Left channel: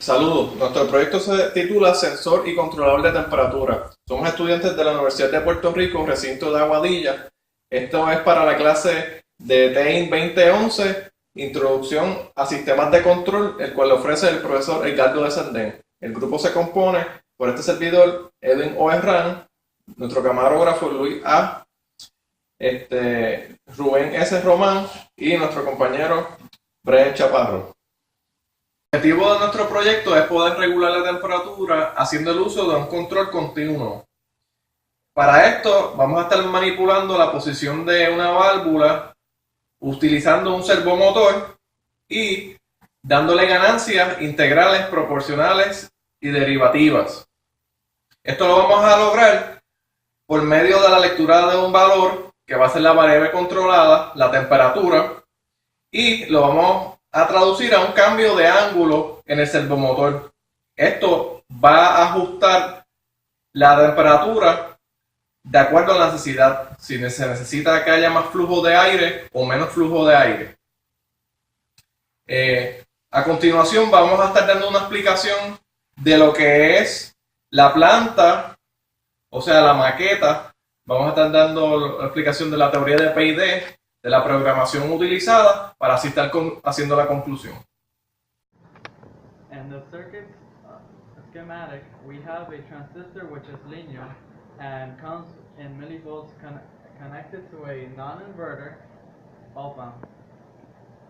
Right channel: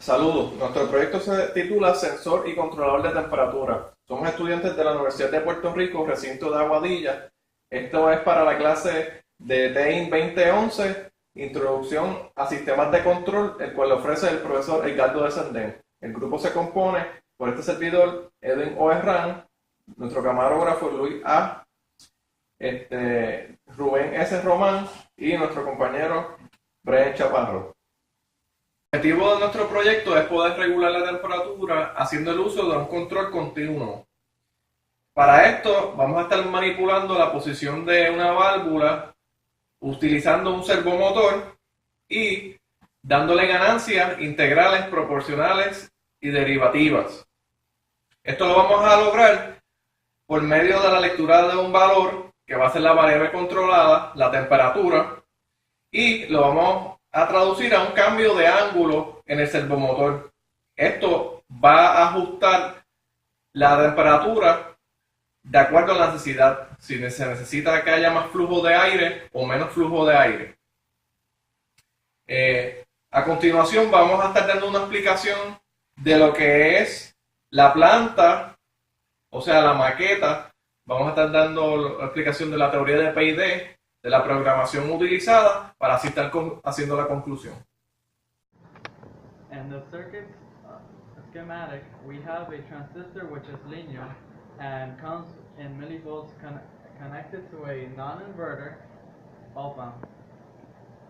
Saludos, nuestro proyecto se titula Sensor y Controlador de Temperatura. Somos estudiantes de la Universidad de Puerto Rico, recinto de Aguadilla. Esto es para la clase de TEIN 2011, Introducción a Sistemas de Control, el cual ofrece el profesor Edgardo de Sandén. El grupo se compone por este servidor, Edwin Oerran, nuestro camarógrafo Luis A., Rubén S. Román y nuestro compañero Brian Chaparro. El objetivo de nuestro proyecto es poder regular la temperatura haciendo el uso de un control continuo. Para esto vamos a estar manipulando la posición de una válvula utilizando un servomotor y dándole ganancias integrales, proporcionales y derivativas. Esto lo vamos a lograr por medio de la lectura de un valor que va a ser la variable controlada, la temperatura, y lo vamos a traducir a un cambio de ángulo en el servomotor. Esto va a ajustar la temperatura de acuerdo a la necesidad, si se necesita que haya más flujo de aire o menos flujo de aire. A continuación vamos a estar dando una explicación de lo que es la planta, o sea la maqueta. Vamos a estar dando la explicación de la teoría de PID, de la programación utilizada para así estar haciendo la conclusión. And the circuit schematic, we have a transistor which is linear and comes in millivolts connected to a non-inverter op-amp.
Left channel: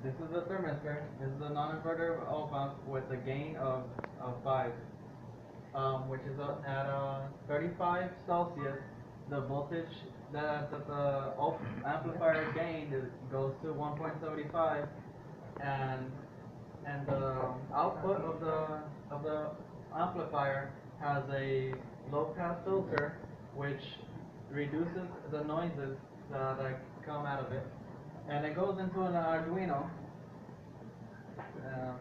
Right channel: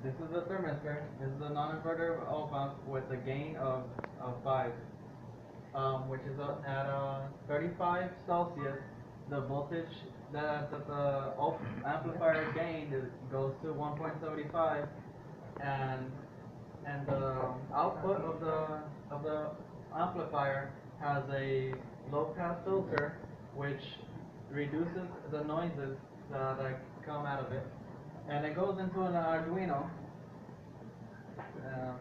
This is the thermistor. This is the non-inverter op-amp with a gain of 5, which is at 35 Celsius. The voltage that the amplifier gained goes to 1.75, and the output of the amplifier has a low pass filter which reduces the noises that come out of it, and it goes into an Arduino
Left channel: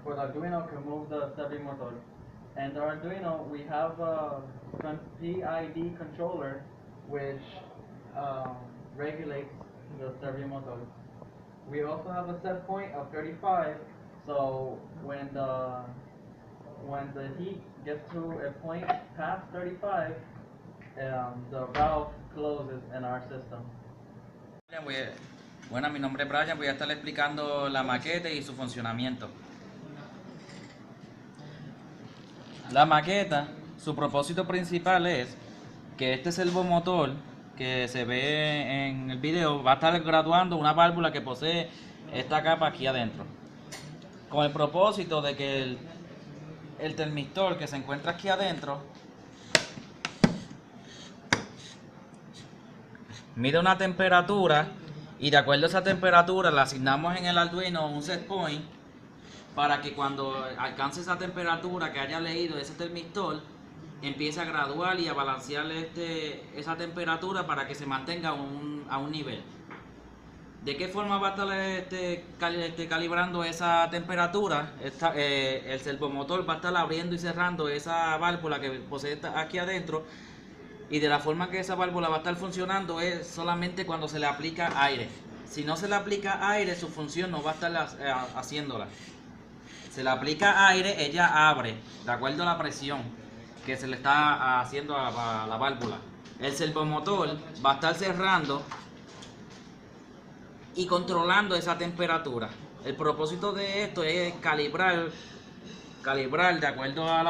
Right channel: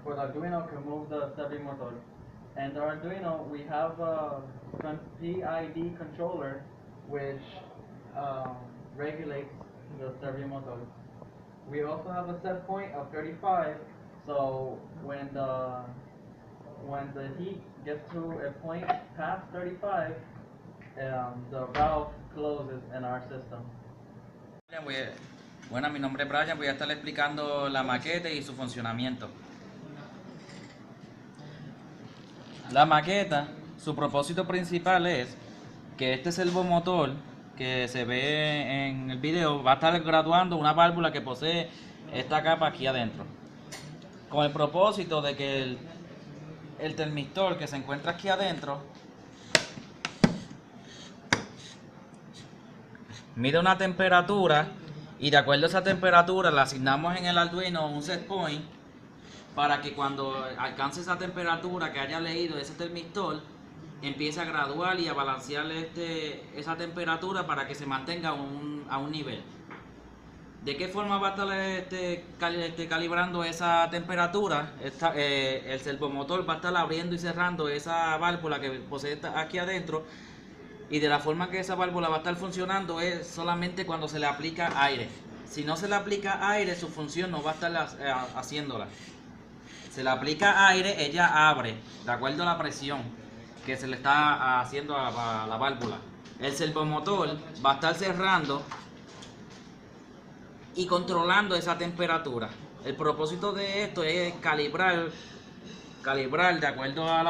for the Arduino to move the servomotor. And the Arduino, we have a PID controller which regulates the servomotor. We also have a set point of 35, so when the heat gets to a point past 35, the valve closes in our system. Bueno, mi nombre es Brian, voy a estar explicando la maqueta y su funcionamiento. La maqueta, su propósito principal es que este servomotor que se ve en el video va a estar graduando una válvula que posee esta capa aquí adentro, con el propósito de que el termistor que se encuentra aquí adentro mide una temperatura, y de acuerdo a esa temperatura le asignamos en el Arduino un set point para que cuando alcance esa temperatura que haya leído ese termistor empiece a graduar y a balancear esa temperatura para que se mantenga a un nivel. ¿De qué forma va a estar calibrando esa temperatura? El servomotor va a estar abriendo y cerrando esa válvula que posee aquí adentro, y de la forma que esa válvula va a estar funcionando es solamente cuando se le aplica aire. Si no se le aplica aire, su función no va a estar haciéndola. Se le aplica aire, ella abre de acuerdo a la presión que se le está haciendo a la válvula. El servomotor va a estar cerrando y controlando esa temperatura. El propósito de esto es calibrar de acuerdo a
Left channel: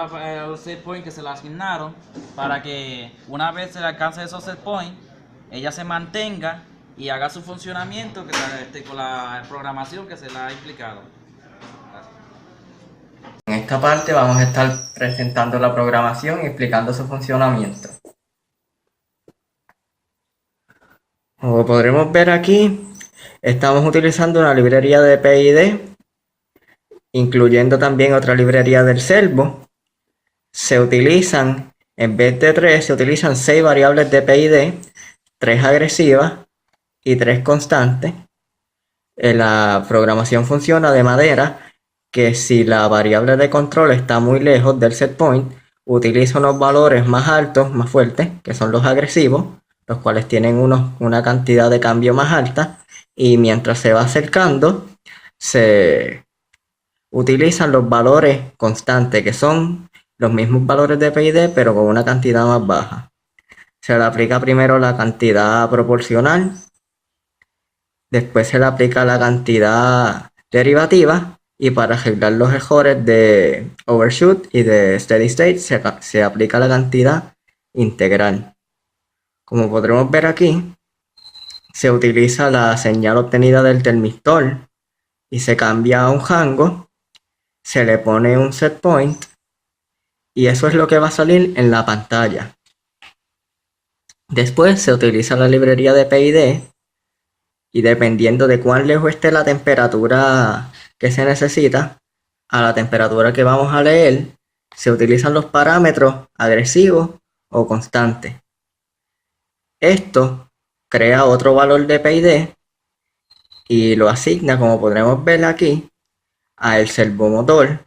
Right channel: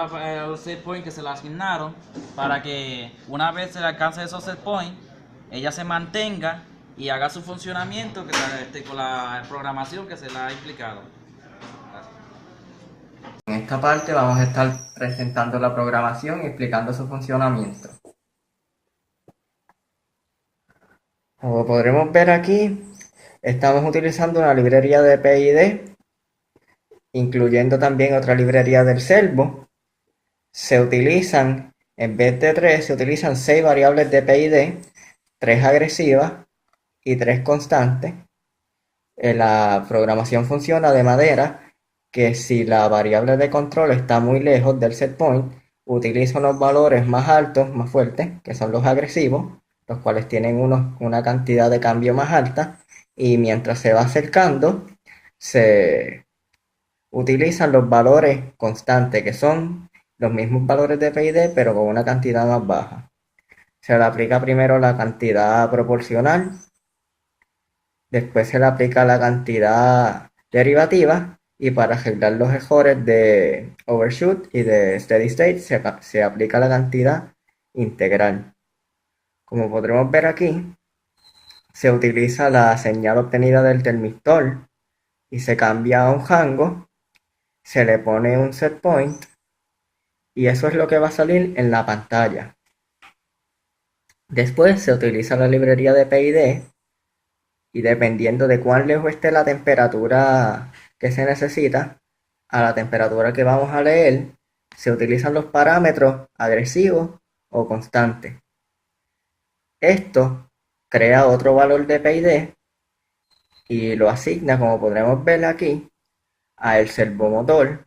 los set points que se le asignaron, para que una vez se le alcance esos set points, ella se mantenga y haga su funcionamiento con la programación que se le ha explicado. En esta parte vamos a estar presentando la programación y explicando su funcionamiento. Como podremos ver aquí, estamos utilizando una librería de PID, incluyendo también otra librería del servo. Se utilizan, en vez de 3, se utilizan 6 variables de PID, 3 agresivas y 3 constantes. La programación funciona de manera que si la variable de control está muy lejos del set point, utiliza unos valores más altos, más fuertes, que son los agresivos, los cuales tienen una cantidad de cambio más alta, y mientras se va acercando, se utilizan los valores constantes, que son los mismos valores de PID, pero con una cantidad más baja. Se le aplica primero la cantidad proporcional, después se le aplica la cantidad derivativa, y para arreglar los errores de overshoot y de steady state se aplica la cantidad integral. Como podremos ver aquí, se utiliza la señal obtenida del termistor y se cambia a un rango, se le pone un set point y eso es lo que va a salir en la pantalla. Después se utiliza la librería de PID y dependiendo de cuán lejos esté la temperatura que se necesita, a la temperatura que vamos a leer, se utilizan los parámetros agresivos o constantes. Esto crea otro valor de PID y lo asigna, como podremos ver aquí, al servomotor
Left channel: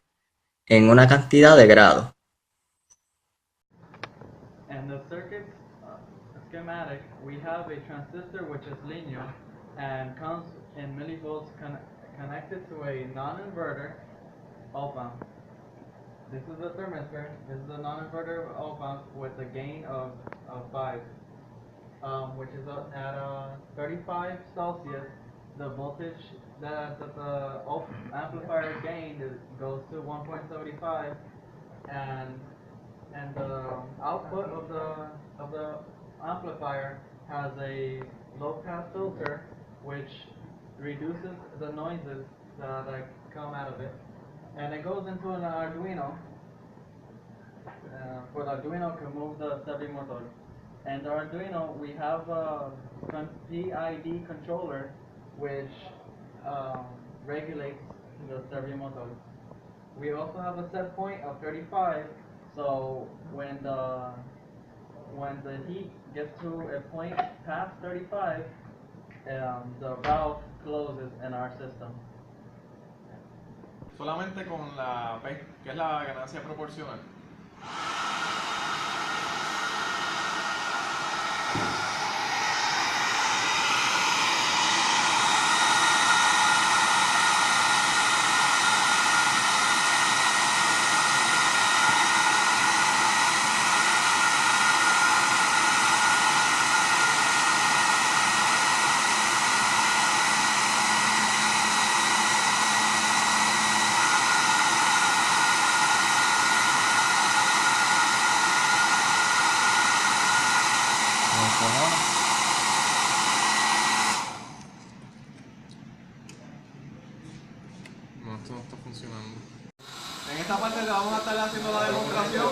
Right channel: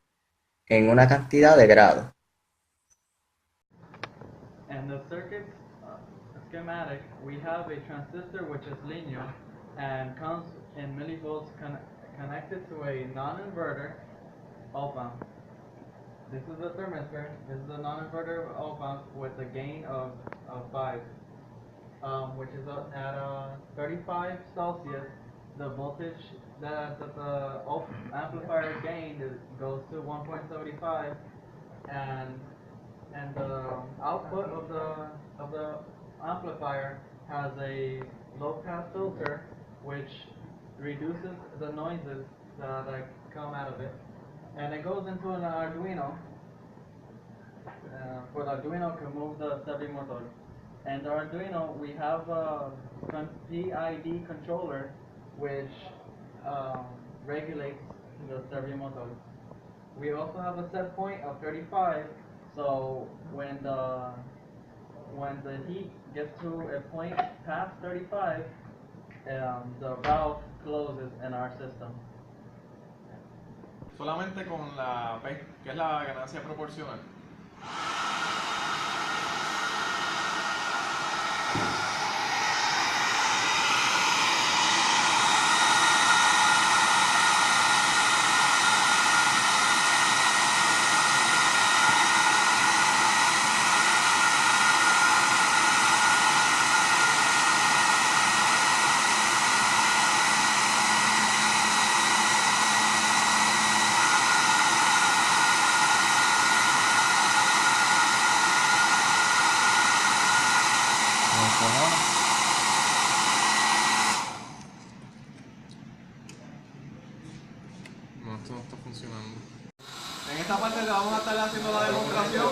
en una cantidad de grados. And the circuit schematic, we have a transistor which is linear and comes in millivolts connected to a non-inverter op-amp. This is the thermistor, this is the non-inverter op-amp with a gain of 5, which is at 35 Celsius. The voltage that the amplifier gained goes to 1.75, and the output of the amplifier has a low pass filter which reduces the noises that come out of it, and it goes into an Arduino for the Arduino to move the servomotor. And the Arduino, we have a PID controller which regulates the servomotor. We also have a set point of 35, so when the heat gets to a point past 35, the valve closes in our system. Solamente con la P, que es la ganancia proporcional. No, esto no está funcionando. En esta parte le vamos a estar haciendo la demostración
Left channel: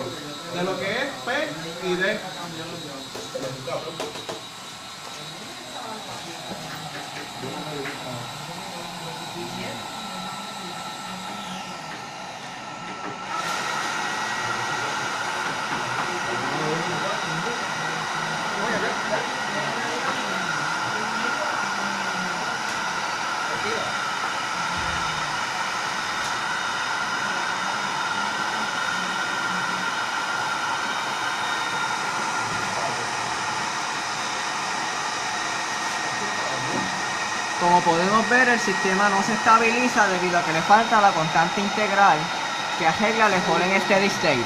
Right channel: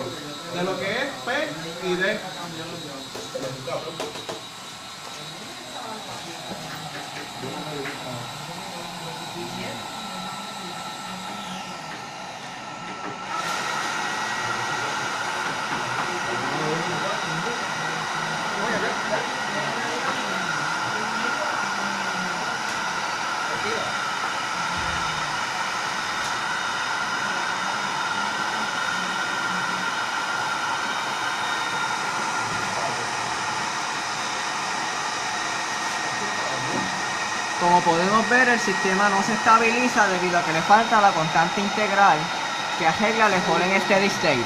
de lo que es P y D. Como podemos ver, el sistema no se estabiliza debido a que le falta la constante integral que arregla el error en steady state.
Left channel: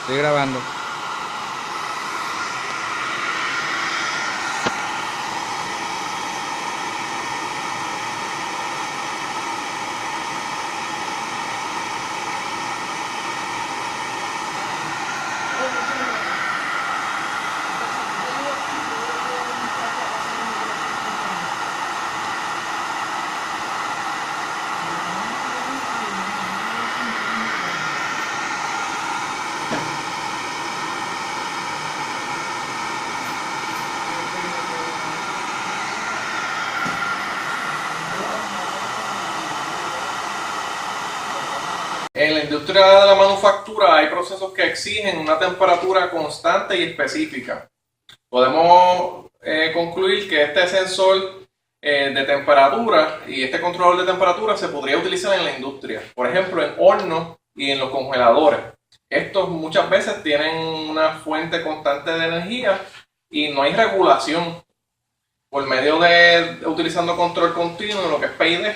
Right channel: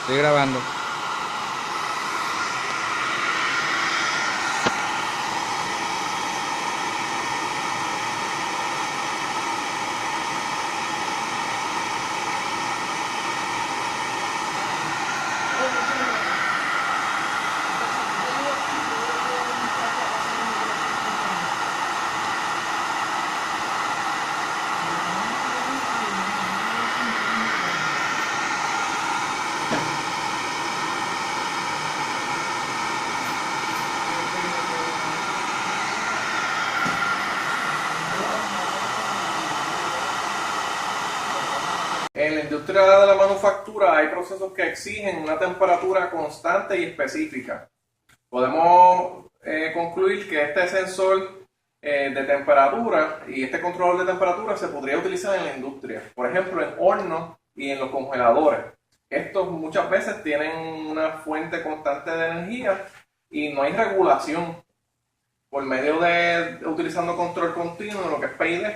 Estoy grabando. En la industria de la manufactura hay procesos que exigen una temperatura constante y específica. Podemos concluir que este sensor de temperatura y este controlador de temperatura se podría utilizar en la industria, por ejemplo en hornos y en los congeladores. Estos muchas veces tienen una fuente constante de energía y no hay regulación. Por medio de utilizando control continuo, lo que es PID,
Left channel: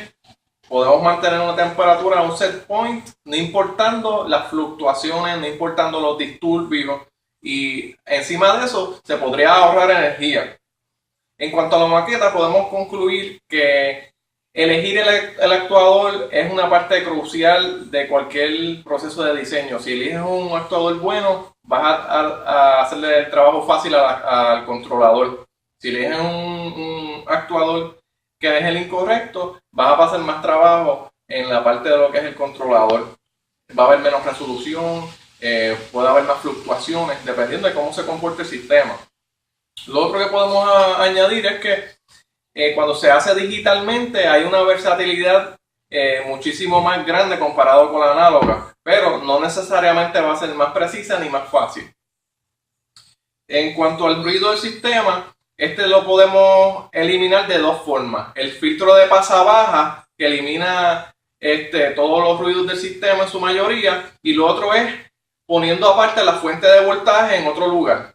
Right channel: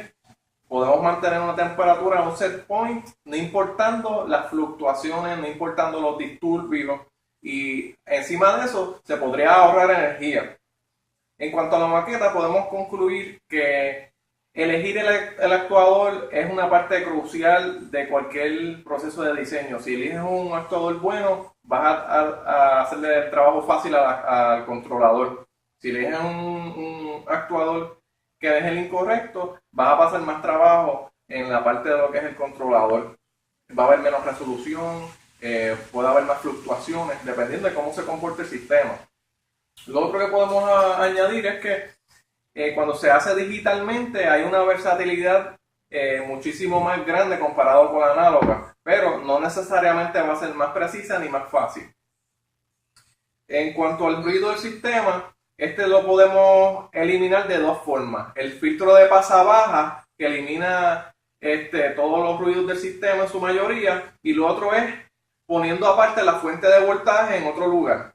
podemos mantener una temperatura a un set point, no importando las fluctuaciones, no importando los disturbios, y encima de eso se podría ahorrar energía. En cuanto a la maqueta, podemos concluir que elegir el actuador es una parte crucial de cualquier proceso de diseño. Si eliges un actuador bueno, vas a hacerle el trabajo fácil al controlador. Si eliges un actuador que deje el incorrecto, vas a pasar más trabajo en la parte de lo que es el controlador. Va a haber menos resolución, puede haber más fluctuaciones, dependiendo de cómo se comporte el sistema. Lo otro que podemos añadir es que cuando se hace digitalmente hay una versatilidad muchísimo más grande comparado con la análoga, pero no necesariamente va a ser más precisa ni más fácil. En cuanto al ruido del sistema, este lo podemos eliminar de dos formas. El filtro de pasa baja, que elimina todos los ruidos del sistema en su mayoría, y lo otro es poniendo aparte la fuente de voltaje en otro lugar.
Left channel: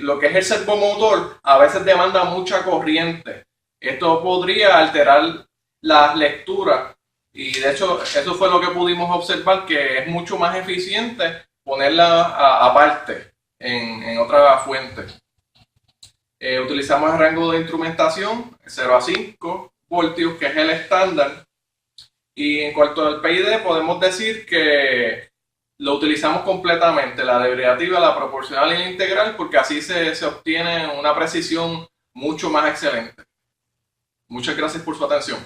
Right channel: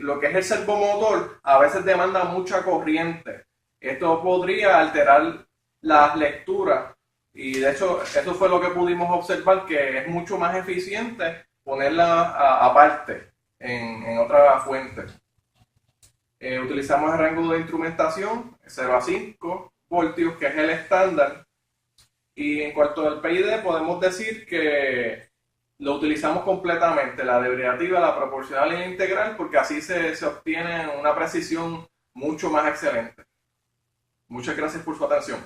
Lo que es el servomotor a veces demanda mucha corriente. Esto podría alterar la lectura, y de hecho eso fue lo que pudimos observar, que es mucho más eficiente ponerla aparte en otra fuente. Utilizamos el rango de instrumentación 0 a 5 voltios, que es el estándar, y en cuanto al PID podemos decir que lo utilizamos completamente, la derivativa, la proporcional y la integral, porque así se obtiene una precisión mucho más excelente. Muchas gracias por su atención.